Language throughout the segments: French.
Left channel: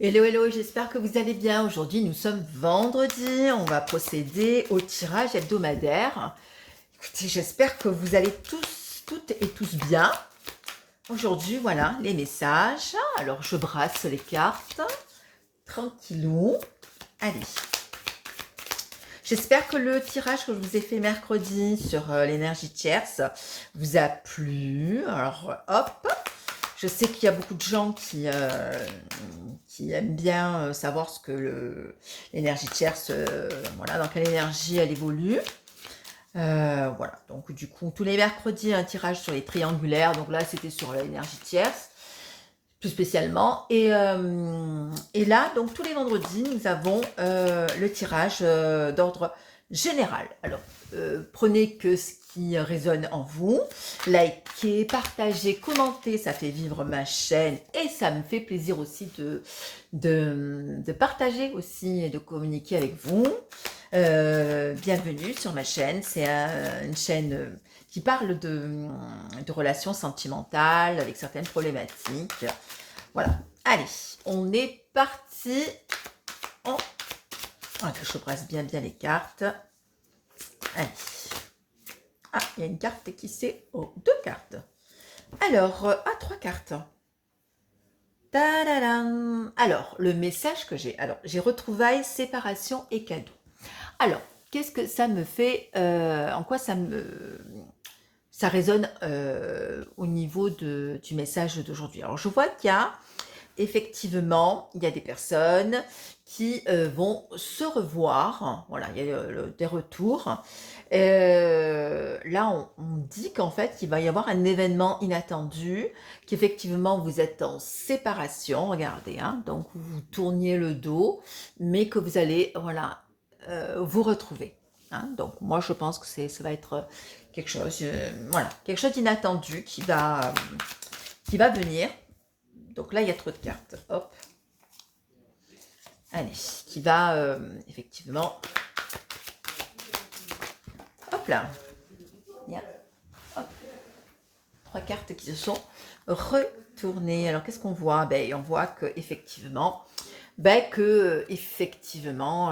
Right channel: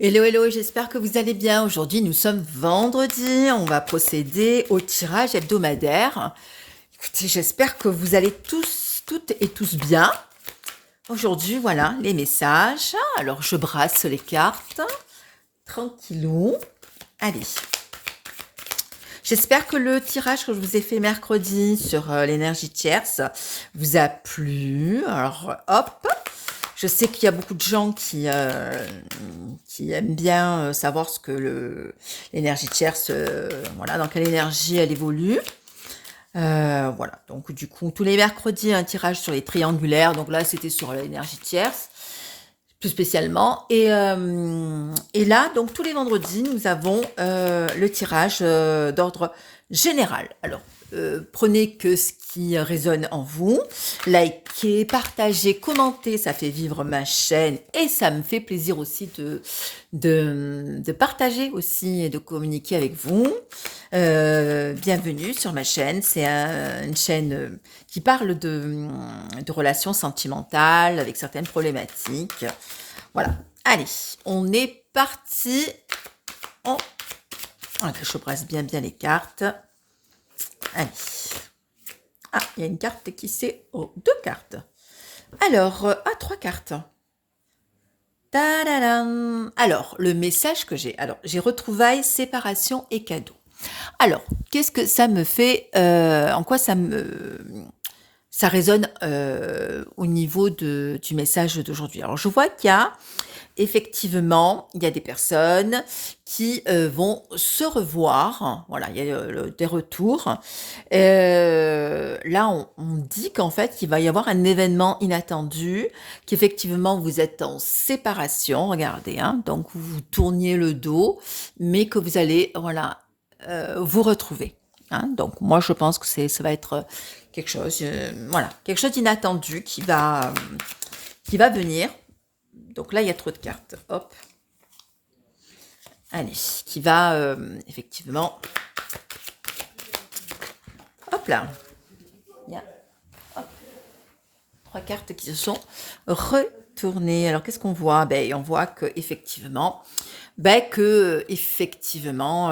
Hello, hello, j'espère que vous allez bien. Aujourd'hui, nous sommes vendredi. On va procéder au tirage hebdomadaire. Écoutez, j'espère que vous allez tous, toutes et tous bien. Aujourd'hui, voilà, les messages. Alors, je brasse les cartes. Tranquillou. Allez. J'espère que le tirage que je vous ai fait mercredi sur l'énergie tierce vous a plu. Alors, hop. Je sais qu'il y a beaucoup de gens qui aiment bien savoir ce que l'énergie tierce, voilà, dans quelle énergie elle évolue. Voilà, donc du coup, tous les mercredis, un tirage sur les triangulaires. Donc là, c'était sur l'énergie tierce, plus spécialement. Et là, donc tous les vendredis, nous avons le tirage d'ordre général. Alors, prenez que ce qui résonne en vous, likez, partagez, commentez, ça fait vivre ma chaîne et ça me fait plaisir aussi de partager aussi et de communiquer avec vous. Bienvenue sur ma chaîne, c'est une chaîne qui parle de relations sentimentales avec certaines problématiques. Voilà, allez, on est parti. Que je brasse bien les cartes. Allez. Ah, il y a une carte qui c'est deux cartes. Alors, trois cartes. Tadadam. Alors, le message que j'ai. Alors, j'ai retrouvailles, séparation et cadeau. Alors, qu'est-ce que ça me fait en quoi ça résonne au niveau du message d'aujourd'hui. Alors, je vois qu'il y a effectivement, il y a des personnes qui vont se revoir. Voilà, il y a des retours. Là, on dit qu'en fait, il va y avoir un événement inattendu, qu'effectivement, vous êtes en séparation. Regardez, hein, donc vous tourniez le dos, mais que vous allez, voilà, vous retrouver. Hein. Donc, moi, je pense que ça va être quelque chose, voilà, quelque chose d'inattendu qui va venir. Donc là, il y a trop de cartes. Hop. Allez, qui va effectivement... Hop là. Il y a trois cartes qui se sont retournées. Alors, qu'est-ce qu'on voit? On voit que effectivement,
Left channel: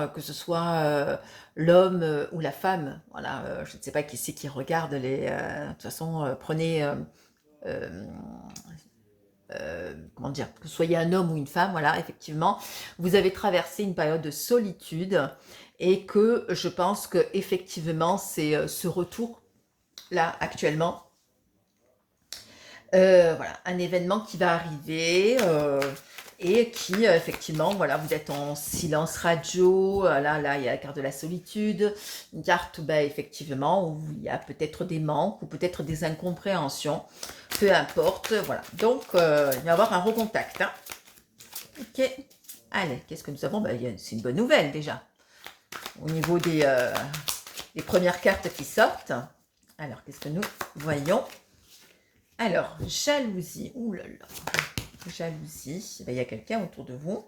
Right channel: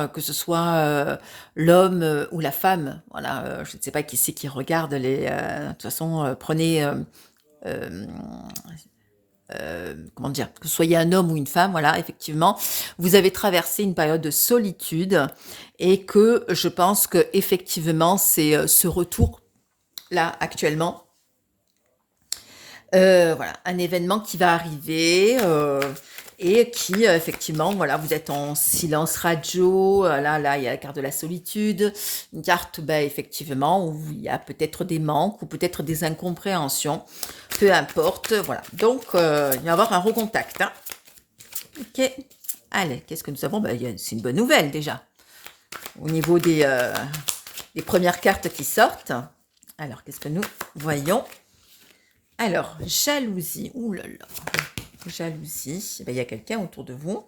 que ce soit l'homme ou la femme, voilà, je ne sais pas qui c'est qui regarde les... de toute façon, prenez... comment dire, que vous soyez un homme ou une femme, voilà, effectivement, vous avez traversé une période de solitude et que je pense que effectivement c'est ce retour là actuellement, voilà, un événement qui va arriver et qui effectivement, voilà, vous êtes en silence radio. Là, il y a la carte de la solitude, une carte, effectivement, où il y a peut-être des manques ou peut-être des incompréhensions, peu importe, voilà. Donc, il va y avoir un recontact. Hein. Ok. Allez, qu'est-ce que nous avons? C'est une bonne nouvelle déjà. Au niveau des premières cartes qui sortent. Alors, qu'est-ce que nous voyons? Alors, jalousie. Ouh là là. Jalousie. Il y a quelqu'un autour de vous.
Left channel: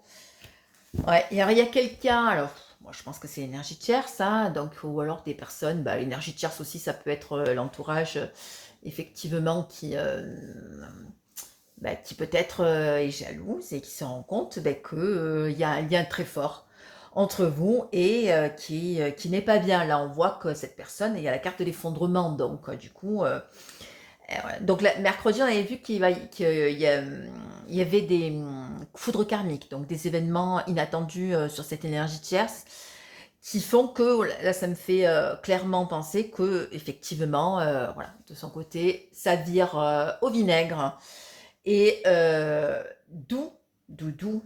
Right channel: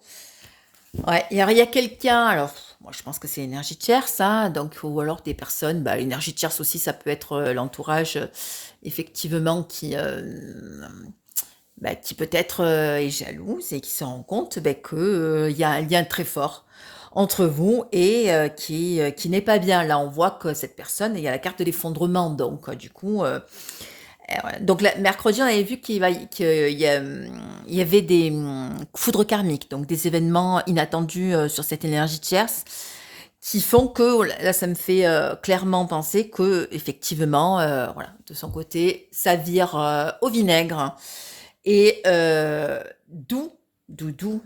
Ouais, il y a quelqu'un. Alors, moi, je pense que c'est l'énergie tierce, hein, donc, ou alors des personnes. L'énergie tierce aussi, ça peut être l'entourage, effectivement, qui peut-être est jalouse et qui se rend compte qu'il y a un lien très fort entre vous et qui n'est pas bien. Là, on voit que cette personne, il y a la carte de l'effondrement, donc du coup... voilà. Donc mercredi, on avait vu il y avait des foudres karmiques, donc des événements inattendus sur cette énergie tierce, qui font que, là, ça me fait clairement penser que effectivement, voilà, de son côté, ça vire au vinaigre. Et d'où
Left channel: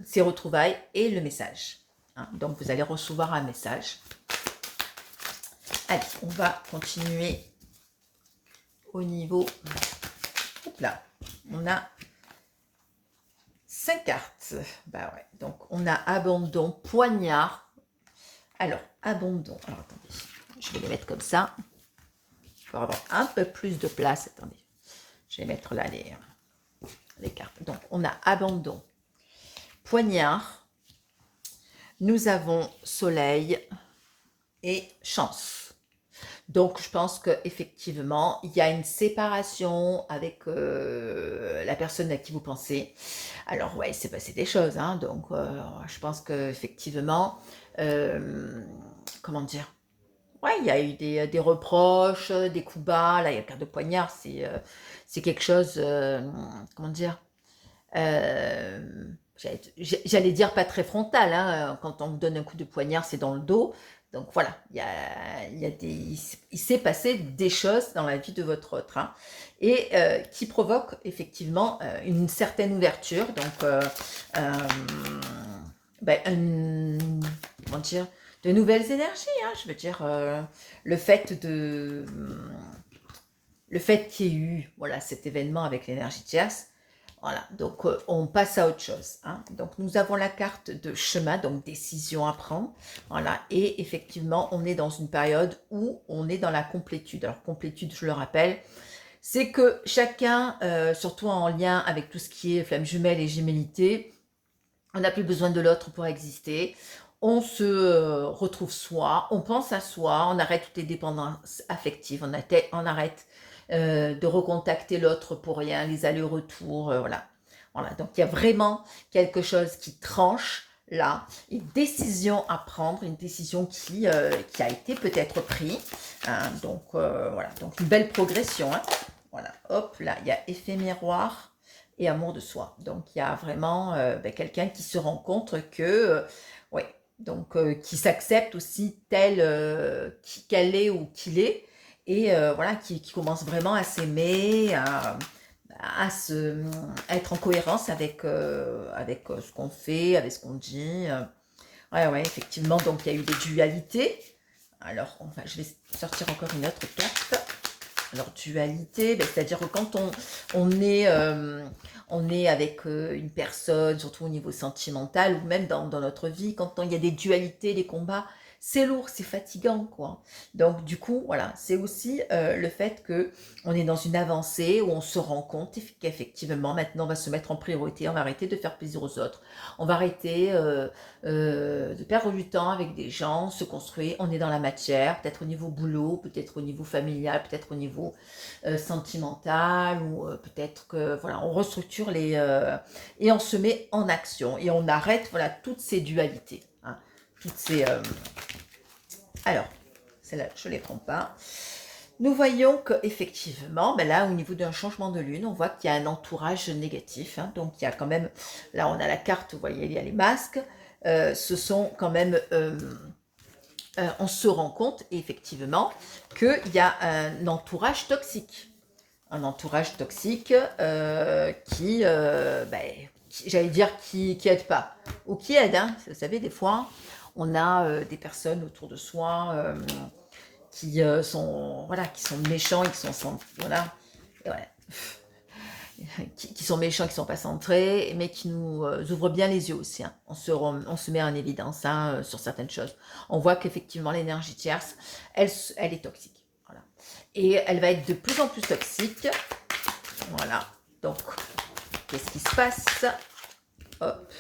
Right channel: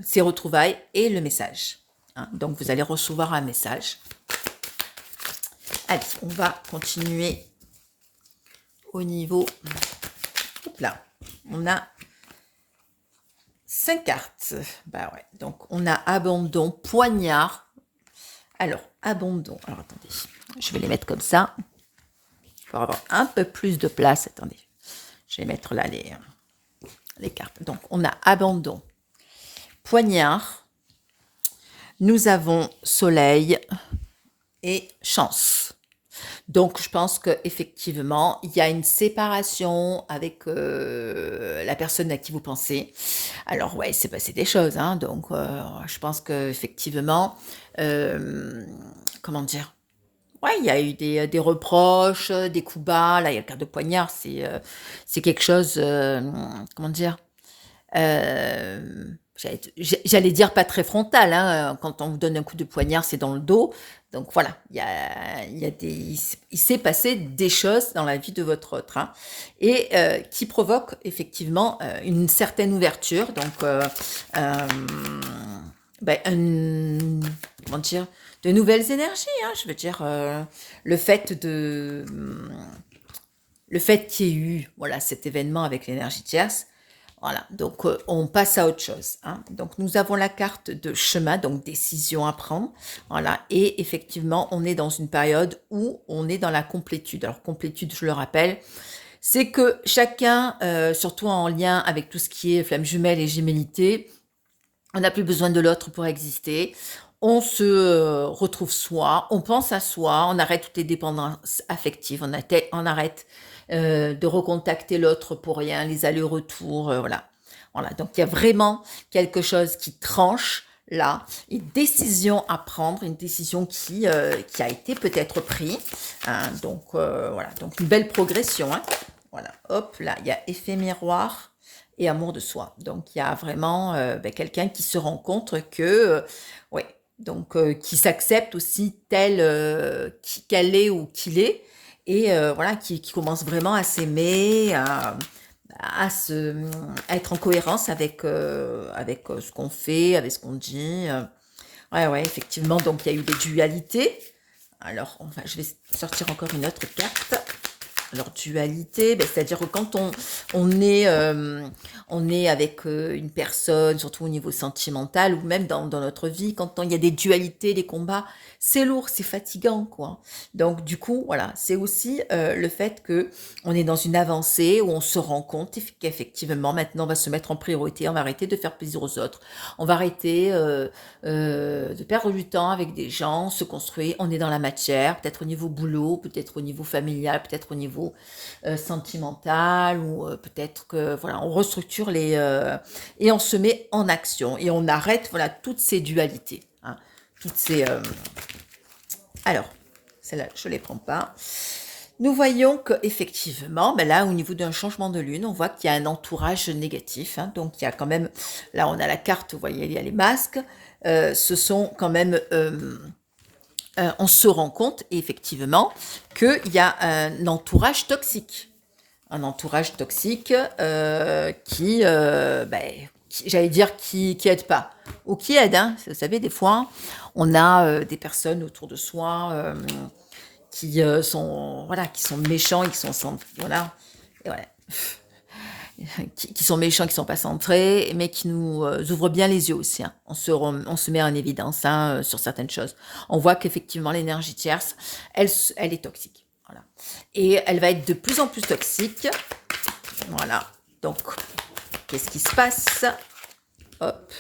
ces retrouvailles et le message. Hein. Donc, vous allez recevoir un message. Allez, on va continuer au niveau... Oups là, on a 5 cartes. Ouais. Donc, on a abandon, poignard. Alors, abandon. Alors, attendez, je vais les mettre comme ça. Pour avoir un peu plus de place. Attendez, je vais mettre là les cartes. Donc, on a abandon, poignard. Nous avons soleil et chance. Donc je pense qu'effectivement, il y a une séparation avec, la personne à qui vous pensez. Alors ouais, il s'est passé des choses, hein, donc je pense qu'effectivement, hem, comment dire? Ouais, il y a eu des reproches, des coups bas. Là, il y a le quart de poignard, c'est quelque chose, comment dire? J'allais dire pas très frontal, hein, quand on vous donne un coup de poignard, c'est dans le dos. Donc voilà, il y a des il s'est passé des choses dans la vie de votre autre, hein, et qui provoquent effectivement, une certaine ouverture. Donc hem, comment dire? De nouvelles énergies, hein, je veux dire, le fait de, le fait qu'il y ait eu, voilà, cet événement avec l'énergie tierce, voilà, donc on passe à autre chose, hein. Donc nous avons la carte de chemin, donc décision à prendre, voilà, et effectivement, on est dans une période où on est dans la complétude. Alors complétude, je le rappelle, c'est que chacun, surtout en lien avec tout ce qui est flamme jumelle et gémellité, on n'a plus besoin de l'autre pour exister. On se retrouve soi, on pense à soi, on arrête toutes les dépendances affectives, on arrête de recontacter l'autre pour rien, les allers-retours, voilà. Voilà, donc il y a vraiment quelque chose qui tranche là, une décision à prendre, une décision qui a été peut-être prise, hein, donc voilà, donc une belle progression, hein. Voilà, hop, là, il y a effet miroir et amour de soi. Donc il y a vraiment quelqu'un qui se rend compte que, ouais, donc qui s'accepte aussi tel qu'elle est ou qu'il est, et voilà, qui commence vraiment à s'aimer, à à être en cohérence avec, ce qu'on fait, avec ce qu'on dit. Ouais, ouais, effectivement, donc il y a eu des dualités. Alors, enfin, je vais sortir encore une autre carte. Alors, dualité, c'est-à-dire que quand on est avec une personne, surtout au niveau sentimental, ou même dans notre vie, quand il y a des dualités, des combats, c'est lourd, c'est fatigant, quoi. Donc, du coup, voilà, c'est aussi le fait que on est dans une avancée où on se rend compte qu'effectivement, maintenant, on va se mettre en priorité, on va arrêter de faire plaisir aux autres, on va arrêter de perdre du temps avec des gens, se construire, on est dans la matière, peut-être au niveau boulot, peut-être au niveau familial, peut-être au niveau sentimental, ou peut-être que voilà, on restructure et on se met en action et on arrête voilà toutes ces dualités, hein, toutes ces alors celle-là je les prends pas. Nous voyons que effectivement, là, au niveau d'un changement de lune, on voit qu'il y a un entourage négatif, hein. Donc, il y a quand même, là, on a la carte, vous voyez, il y a les masques. Ce sont quand même, on se rend compte effectivement qu'il y a un entourage toxique. Un entourage toxique j'allais dire, qui aide pas. Ou qui aide, hein. Vous savez, des fois, on a des personnes autour de soi qui sont voilà, qui sont méchants et qui sont voilà, et voilà. Qui sont méchants, qui sont pas centrés, mais qui nous ouvrent bien les yeux aussi, hein. On se met en évidence, hein, sur certaines choses. On voit qu'effectivement l'énergie tierce, elle est toxique. Voilà. Et elle va être de plus en plus toxique. Voilà. Donc, qu'est-ce qui se passe? Hop.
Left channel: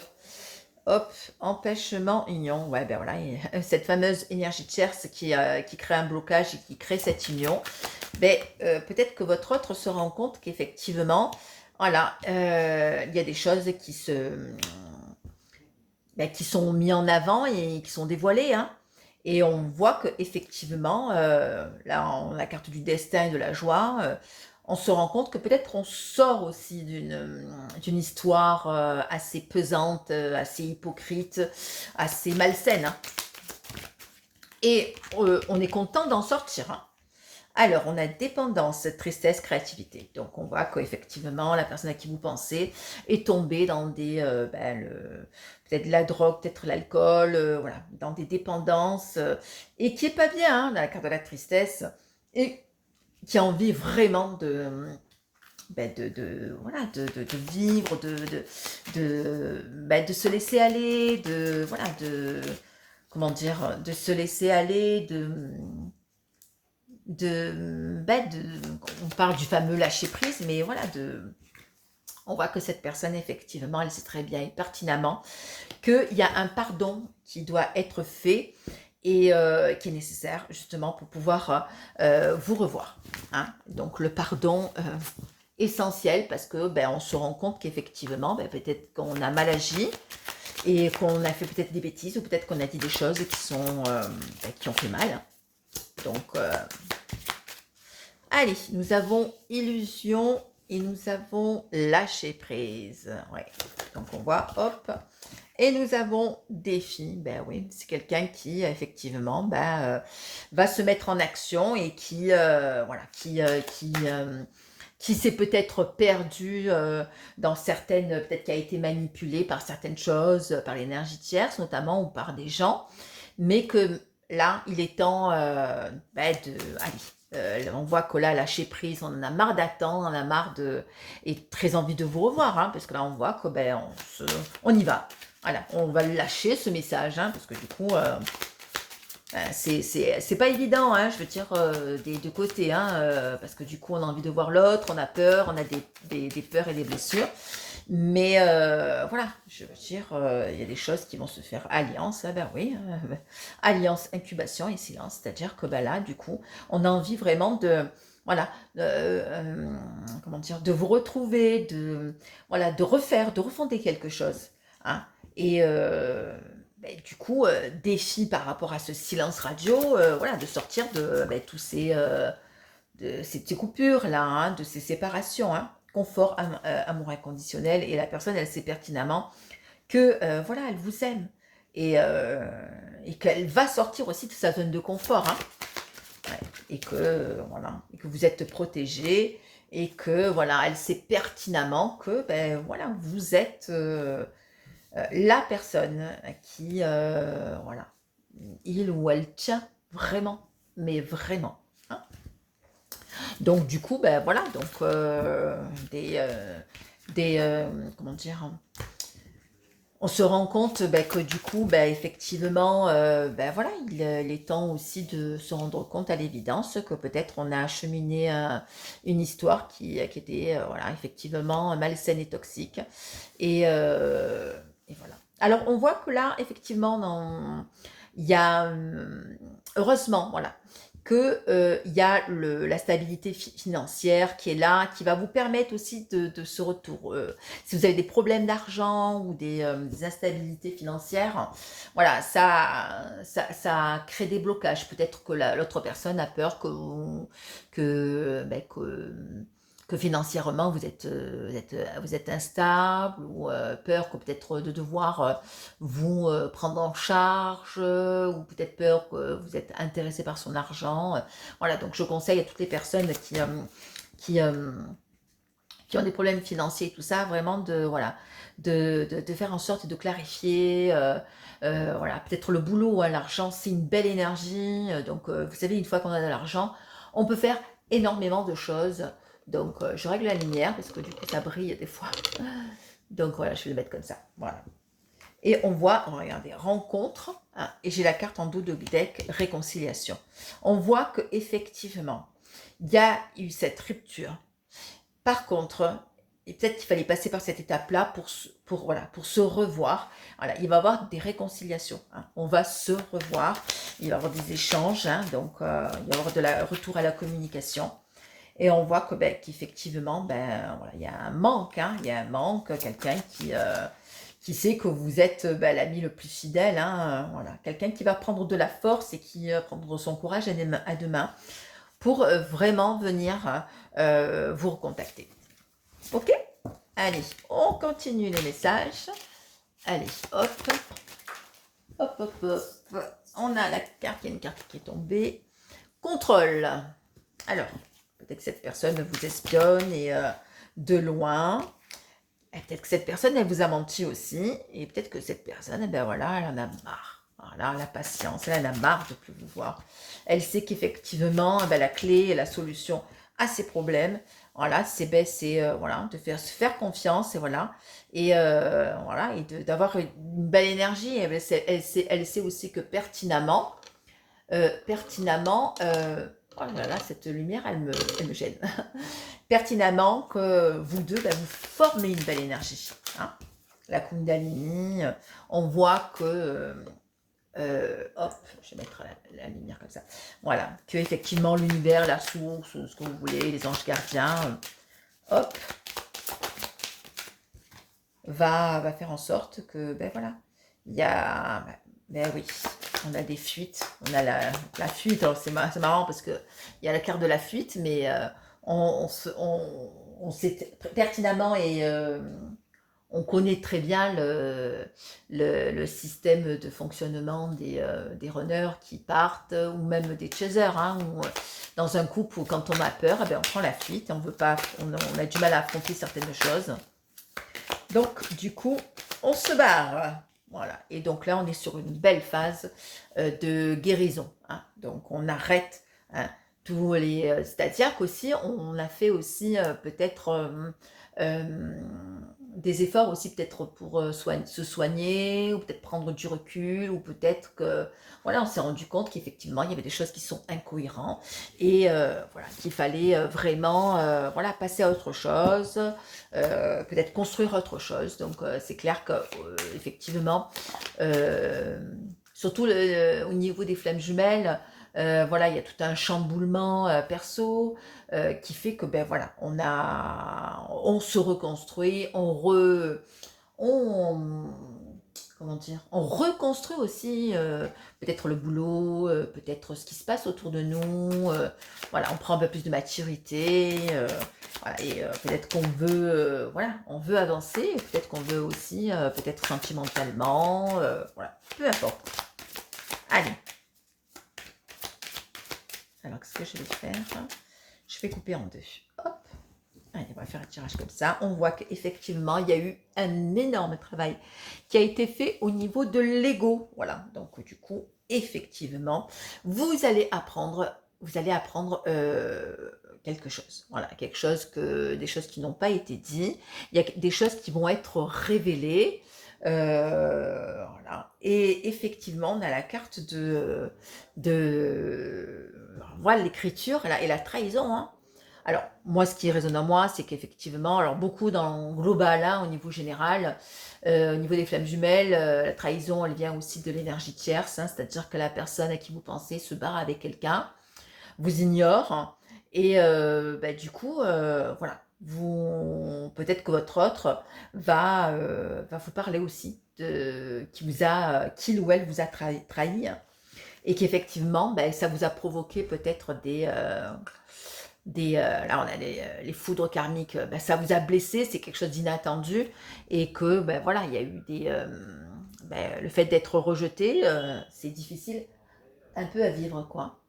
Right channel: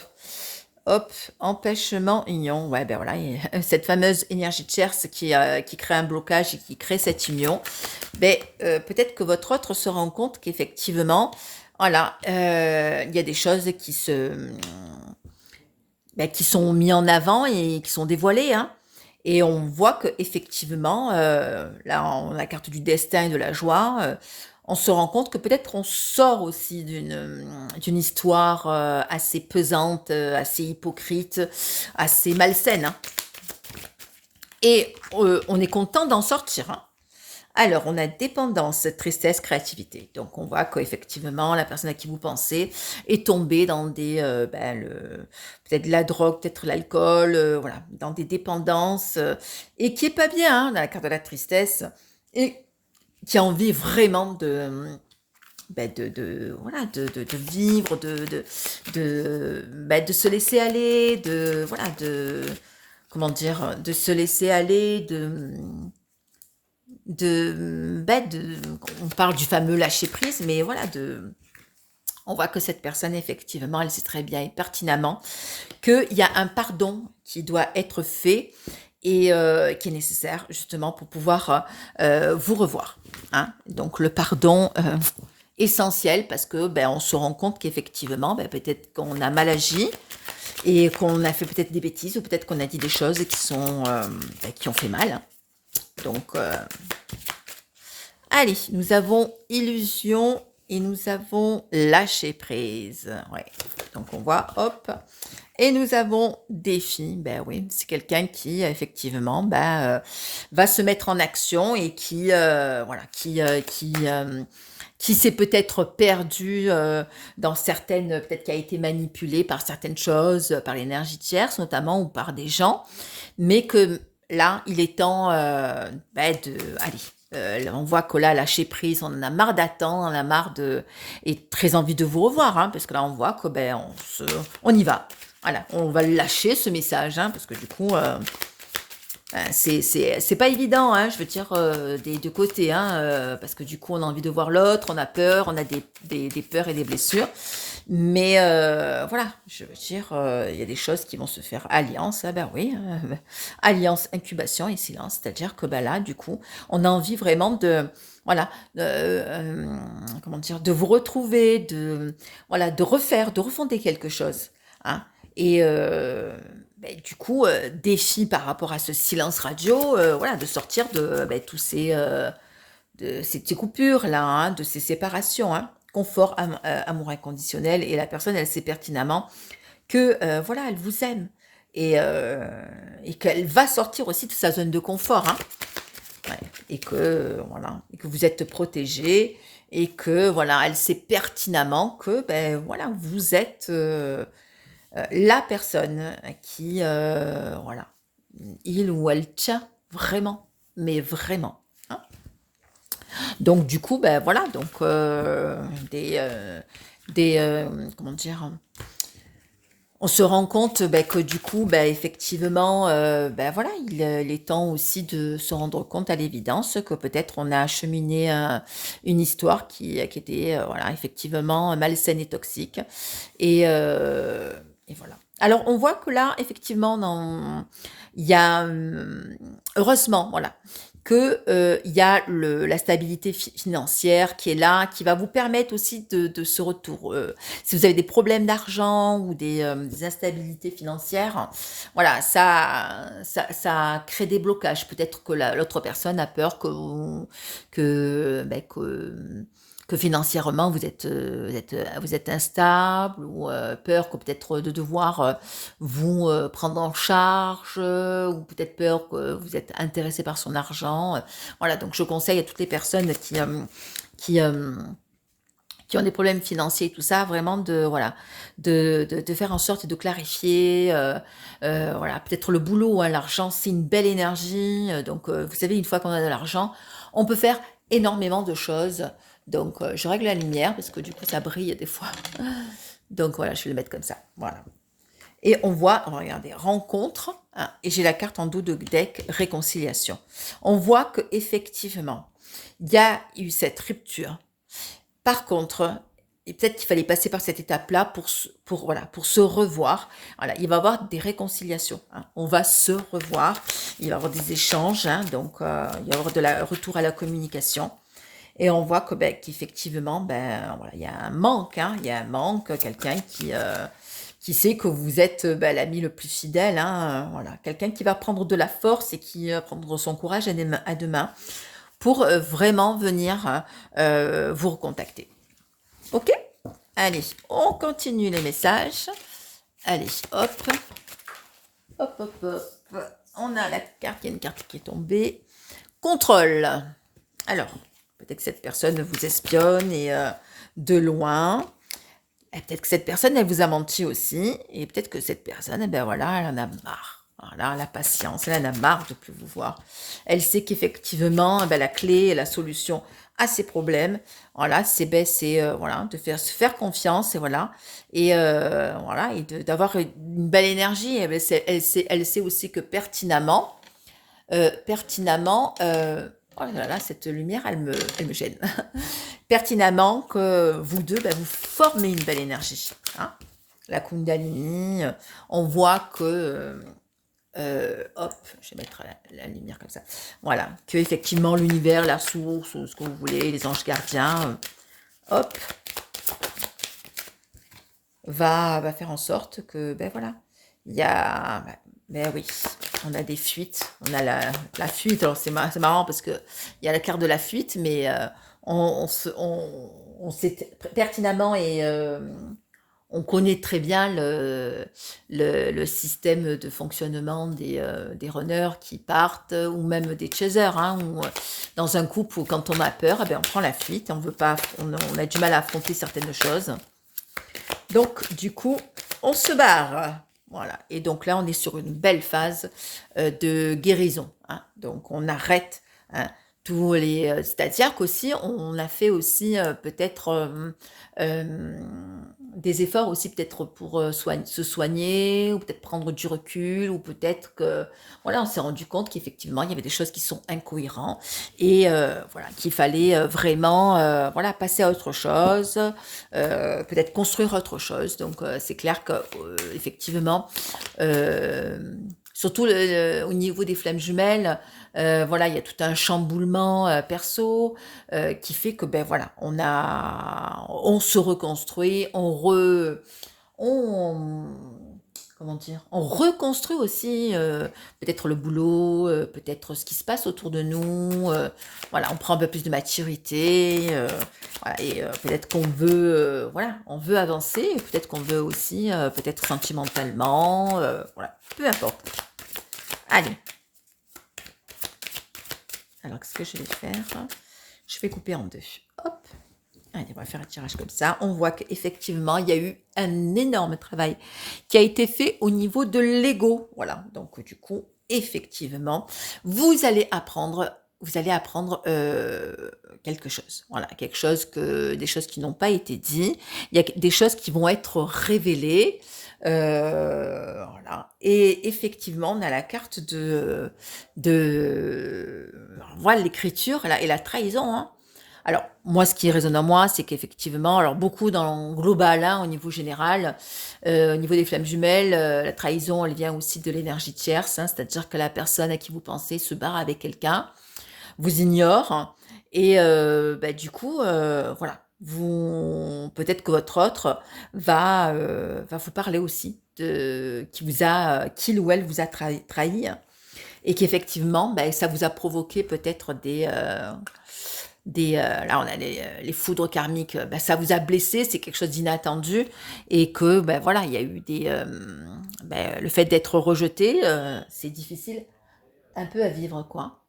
Hop, empêchement, union. Ouais, ben voilà, cette fameuse énergie tierce qui crée un blocage et qui crée cette union. Peut-être que votre autre se rend compte qu'effectivement, voilà, il y a des choses qui sont mises en avant et qui sont dévoilées, hein. Et on voit que effectivement, là, on a la carte du destin et de la joie. On se rend compte que peut-être on sort aussi d'une histoire assez pesante, assez hypocrite, assez malsaine, hein. Et on est content d'en sortir, hein. Alors, on a dépendance, tristesse, créativité. Donc, on voit qu'effectivement, la personne à qui vous pensez est tombée dans peut-être de la drogue, peut-être l'alcool, voilà, dans des dépendances, et qui est pas bien, hein, dans la carte de la tristesse, et qui a envie vraiment voilà, de vivre, de se laisser aller, voilà, comment dire, de se laisser aller, on parle du fameux lâcher prise, mais voilà, on voit que cette personne, effectivement, elle sait très bien et pertinemment qu'il y a un pardon qui doit être fait, et qui est nécessaire justement pour pouvoir vous revoir, hein. Donc le pardon, essentiel parce que, ben, on se rend compte qu'effectivement, ben, peut-être qu'on a mal agi et qu'on a fait peut-être des bêtises ou peut-être qu'on a dit des choses qui sont, bah, qui ont fait mal, hein. Donc, allez, nous avons illusion et nous avons lâcher prise. Ouais. Donc on voit, hop. Et nous avons défi. Ben oui, c'est quelqu'un qui effectivement va se mettre en action et qui voilà, qui s'est peut-être perdu dans certaines, peut-être qui a été manipulé par certaines choses, par l'énergie tierce notamment ou par des gens, mais que là, il est temps de, allez, on voit que là, lâcher prise, on en a marre d'attendre, on en a marre de, et très envie de vous revoir, hein, parce que là, on voit que on y va. Voilà, on va le lâcher ce message, hein, parce que du coup, c'est pas évident, hein, je veux dire, des deux côtés, hein, parce que du coup, on a envie de voir l'autre, on a peur, on a des peurs et des blessures. Mais voilà, je veux dire, il y a des choses qui vont se faire. Alliance, ah ben oui, alliance, incubation et silence. C'est-à-dire que ben là, du coup, on a envie vraiment de, voilà, comment dire, de vous retrouver, de, voilà, de refonder quelque chose, hein. Et ben, du coup, défi par rapport à ce silence radio, voilà, de sortir de tous de ces coupures là, hein, de ces séparations, hein. Confort, amour inconditionnel, et la personne, elle sait pertinemment que voilà, elle vous aime et qu'elle va sortir aussi de sa zone de confort, hein. Ouais. Et que voilà, et que vous êtes protégé et que voilà, elle sait pertinemment que ben voilà, vous êtes la personne qui voilà, il ou elle tient vraiment, mais vraiment, hein. Donc du coup, ben voilà, donc comment dire, on se rend compte que du coup, effectivement, voilà, il est temps aussi de se rendre compte à l'évidence que peut-être on a acheminé une histoire qui était voilà, effectivement malsaine et toxique. Et, euh, et voilà. Alors on voit que là, effectivement, il y a, heureusement, voilà, que il y a la stabilité financière qui est là, qui va vous permettre aussi de ce retour. Si vous avez des problèmes d'argent ou des instabilités financières, voilà, ça crée des blocages. Peut-être que l'autre personne a peur que, ben, que financièrement vous êtes instable, ou peur que peut-être de devoir vous prendre en charge, ou peut-être peur que vous êtes intéressé par son argent. Voilà, donc je conseille à toutes les personnes qui, euh, qui ont des problèmes financiers et tout ça, vraiment voilà, de faire en sorte de clarifier, voilà, peut-être le boulot, hein, l'argent, c'est une belle énergie, donc vous savez, une fois qu'on a de l'argent, on peut faire énormément de choses. Donc je règle la lumière parce que du coup ça brille des fois. Donc voilà, je vais le mettre comme ça. Voilà. Et on voit, regardez, rencontre, hein, et j'ai la carte en dos de deck, réconciliation. On voit que effectivement, il y a eu cette rupture. Par contre, et peut-être qu'il fallait passer par cette étape-là voilà, pour se revoir. Voilà, il va y avoir des réconciliations, hein. On va se revoir, il va y avoir des échanges, hein, donc il va y avoir retour à la communication. Et on voit que qu'effectivement, voilà, il y a un manque, hein, il y a un manque, quelqu'un qui sait que vous êtes l'ami le plus fidèle, hein, voilà, quelqu'un qui va prendre de la force et qui va prendre son courage à deux mains pour vraiment venir vous recontacter. Ok? Allez, on continue les messages. Allez, hop, hop, hop, hop. On a la carte, il y a une carte qui est tombée. Contrôle. Alors, peut-être que cette personne vous espionne et de loin. Et peut-être que cette personne, elle vous a menti aussi. Et peut-être que cette personne, eh ben voilà, elle en a marre. Voilà, la patience, elle en a marre de plus vous voir. Elle sait qu'effectivement, la clé et la solution à ses problèmes, voilà, voilà, se faire confiance, et voilà, et voilà, et d'avoir une belle énergie. Et elle sait aussi que pertinemment, oh là là, cette lumière, elle me gêne. Pertinemment que vous deux, vous formez une belle énergie, hein. La Kundalini, on voit que hop, je vais mettre la lumière comme ça. Voilà, que effectivement l'univers, la source, ce que vous voulez, les anges gardiens, hop, va faire en sorte que, ben voilà, il y a, ben oui, on a des fuites, on a la fuite. Alors c'est marrant parce que il y a la carte de la fuite, mais on sait pertinemment et on connaît très bien le système de fonctionnement des runners qui partent ou même des chasers. Hein, où, dans un couple où quand on a peur, eh bien, on prend la fuite, on veut pas, on a du mal à affronter certaines choses. Donc du coup, on se barre. Voilà. Et donc là, on est sur une belle phase de guérison. Hein. Donc on arrête hein, tous les. C'est-à-dire qu'aussi, on a fait aussi peut-être des efforts aussi peut-être pour se soigner, ou peut-être prendre du recul, ou peut-être que voilà, on s'est rendu compte qu'effectivement il y avait des choses qui sont incohérentes et voilà qu'il fallait vraiment voilà passer à autre chose, peut-être construire autre chose. Donc c'est clair que effectivement, surtout au niveau des flammes jumelles. Voilà, il y a tout un chamboulement perso qui fait que ben voilà, on se reconstruit, on comment dire, on reconstruit aussi peut-être le boulot, peut-être ce qui se passe autour de nous. Voilà, on prend un peu plus de maturité. Voilà, et peut-être qu'on veut, voilà, on veut avancer. Peut-être qu'on veut aussi, peut-être sentimentalement. Voilà, peu importe. Allez. Alors, qu'est-ce que je vais faire? Je vais couper en deux. Hop. Allez, on va faire un tirage comme ça. On voit qu'effectivement, il y a eu un énorme travail qui a été fait au niveau de l'ego. Voilà. Donc, du coup, effectivement, vous allez apprendre quelque chose. Voilà, des choses qui n'ont pas été dites. Il y a des choses qui vont être révélées. Voilà. Et effectivement, on a la carte voilà l'écriture et la trahison. Hein. Alors, moi, ce qui résonne en moi, c'est qu'effectivement, alors beaucoup dans le global, hein, au niveau général, au niveau des flammes jumelles, la trahison, elle vient aussi de l'énergie tierce, hein, c'est-à-dire que la personne à qui vous pensez se barre avec quelqu'un, vous ignore, hein, et bah, du coup, voilà, peut-être que votre autre va vous parler aussi de qu'il ou elle vous a trahi, hein, et qu'effectivement, ben, ça vous a provoqué peut-être là on a les foudres karmiques, ben, ça vous a blessé, c'est quelque chose d'inattendu, et que ben voilà, il y a eu ben, le fait d'être rejeté, c'est difficile un peu à vivre quoi.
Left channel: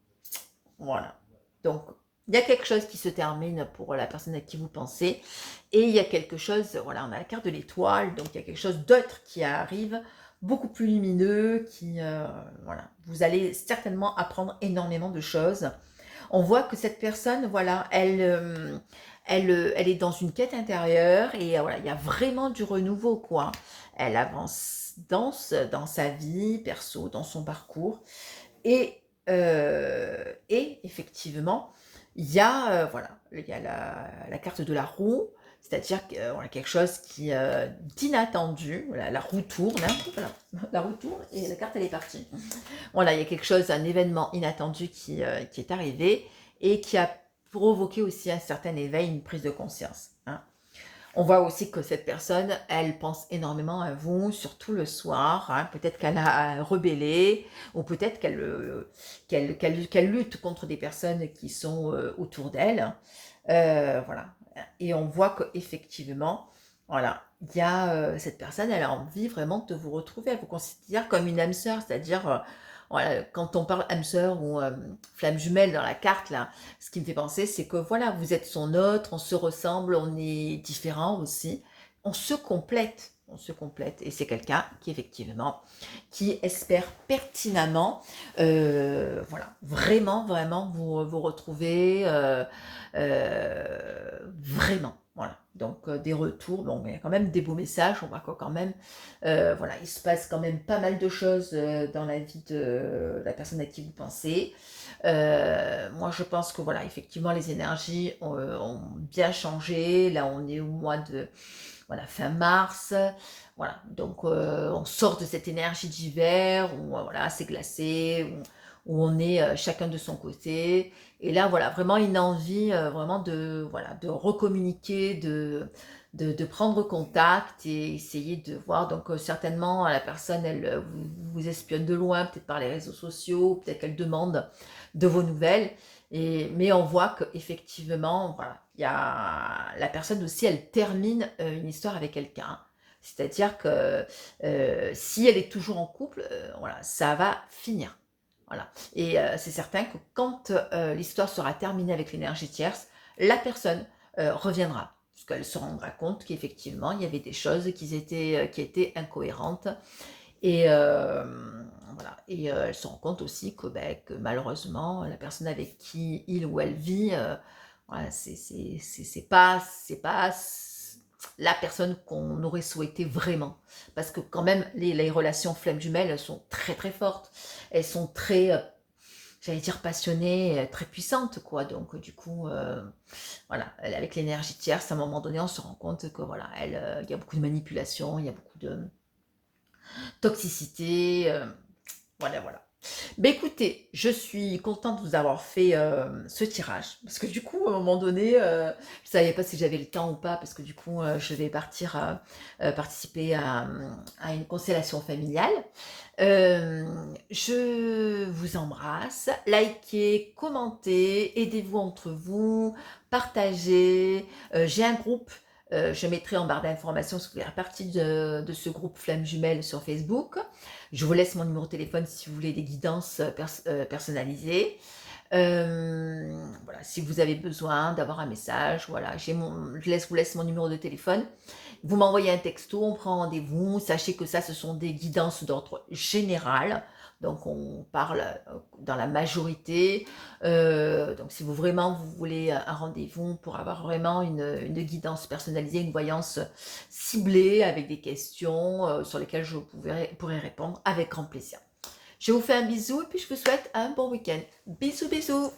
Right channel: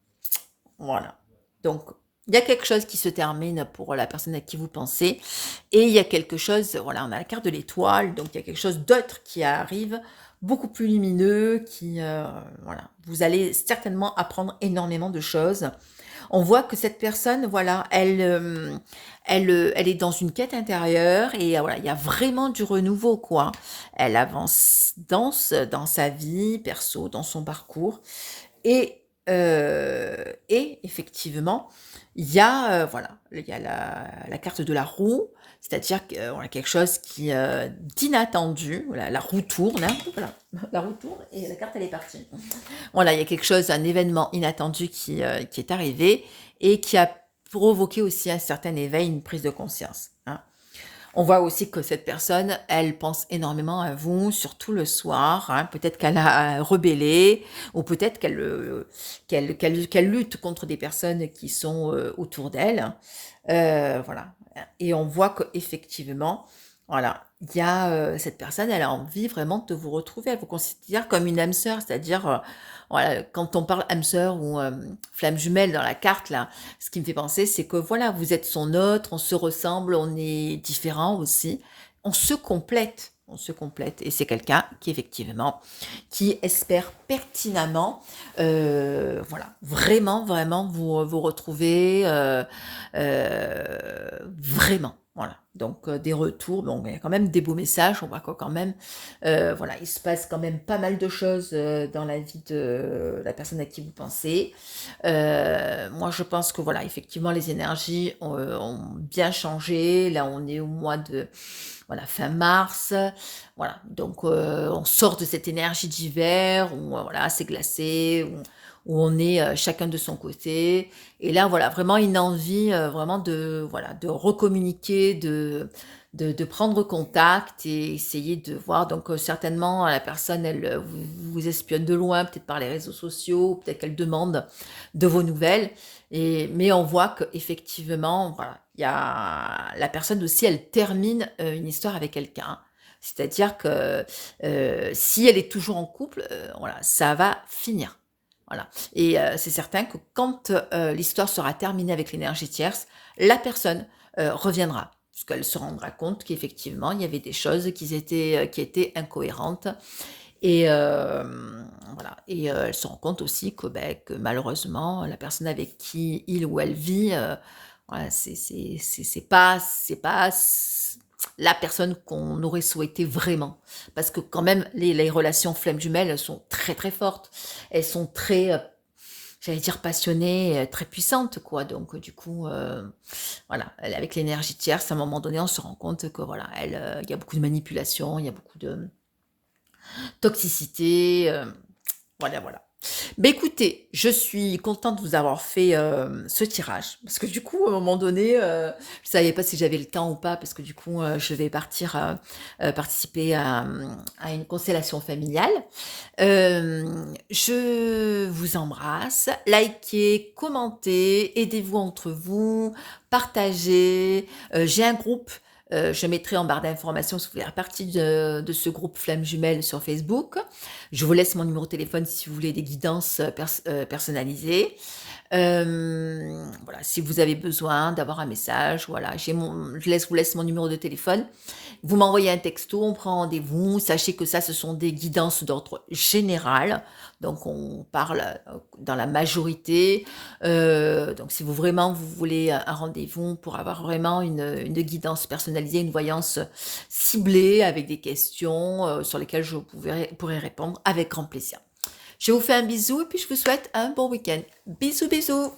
Voilà. Donc il y a quelque chose qui se termine pour la personne à qui vous pensez, et il y a quelque chose, voilà, on a la carte de l'étoile, donc il y a quelque chose d'autre qui arrive, beaucoup plus lumineux, voilà, vous allez certainement apprendre énormément de choses. On voit que cette personne, voilà, elle est dans une quête intérieure et voilà, il y a vraiment du renouveau, quoi. Elle avance dans sa vie perso, dans son parcours. Et effectivement, voilà, il y a la carte de la roue, c'est-à-dire que, voilà, quelque chose d'inattendu. Voilà, la roue tourne, hein, voilà, la roue tourne et la carte elle est partie. Voilà, il y a quelque chose, un événement inattendu qui est arrivé et qui a provoqué aussi un certain éveil, une prise de conscience. Hein. On voit aussi que cette personne, elle pense énormément à vous, surtout le soir. Hein. Peut-être qu'elle a rebellé, ou peut-être qu'elle lutte contre des personnes qui sont autour d'elle. Voilà. Et on voit qu'effectivement, voilà, il y a cette personne, elle a envie vraiment de vous retrouver. Elle vous considère comme une âme sœur, c'est-à-dire, voilà, quand on parle âme sœur ou flamme jumelle dans la carte, là, ce qui me fait penser, c'est que voilà, vous êtes son autre, on se ressemble, on est différents aussi, on se complète. On se complète et c'est quelqu'un qui effectivement qui espère pertinemment voilà vraiment vous retrouver vraiment Voilà, donc des retours, bon, il y a quand même des beaux messages, on voit que quand même, voilà, il se passe quand même pas mal de choses, dans la vie de la personne à qui vous pensez. Moi, je pense que, voilà, effectivement, les énergies ont bien changé. Là, on est au mois de, voilà, fin mars, voilà, donc on sort de cette énergie d'hiver où, voilà, c'est glacé, où on est, chacun de son côté. Et là, voilà, vraiment une envie, vraiment de, voilà, de recommuniquer, de prendre contact et essayer de voir. Donc, certainement, la personne, elle vous espionne de loin, peut-être par les réseaux sociaux, peut-être qu'elle demande de vos nouvelles. Mais on voit qu'effectivement, voilà, il y a la personne aussi, elle termine une histoire avec quelqu'un. C'est-à-dire que si elle est toujours en couple, voilà, ça va finir. Voilà. Et c'est certain que quand l'histoire sera terminée avec l'énergie tierce, la personne reviendra. Parce qu'elle se rendra compte qu'effectivement, il y avait des choses qui étaient incohérentes. Et voilà. Et elle se rend compte aussi que, ben, que malheureusement, la personne avec qui il ou elle vit, voilà, c'est pas la personne qu'on aurait souhaité vraiment. Parce que quand même, les relations flammes jumelles, elles sont très très fortes. Elles sont très, j'allais dire passionnées, très puissantes, quoi. Donc du coup, voilà, avec l'énergie tierce, à un moment donné, on se rend compte que voilà, il y a beaucoup de manipulation, il y a beaucoup de toxicité, voilà, voilà. Beh, écoutez, je suis contente de vous avoir fait, ce tirage parce que du coup, à un moment donné, je savais pas si j'avais le temps ou pas parce que du coup, je vais partir, participer à une constellation familiale. Je vous embrasse, likez, commentez, aidez-vous entre vous, partagez. J'ai un groupe, je mettrai en barre d'informations si vous voulez faire partie de ce groupe Flammes Jumelles sur Facebook. Je vous laisse mon numéro de téléphone si vous voulez des guidances personnalisées. Voilà, si vous avez besoin d'avoir un message, voilà, vous laisse mon numéro de téléphone. Vous m'envoyez un texto, on prend rendez-vous. Sachez que ça, ce sont des guidances d'ordre général. Donc, on parle dans la majorité. Donc, si vous voulez un rendez-vous pour avoir vraiment une guidance personnalisée, une voyance ciblée avec des questions sur lesquelles je pourrai répondre avec grand plaisir. Je vous fais un bisou et puis je vous souhaite un bon week-end. Bisous, bisous!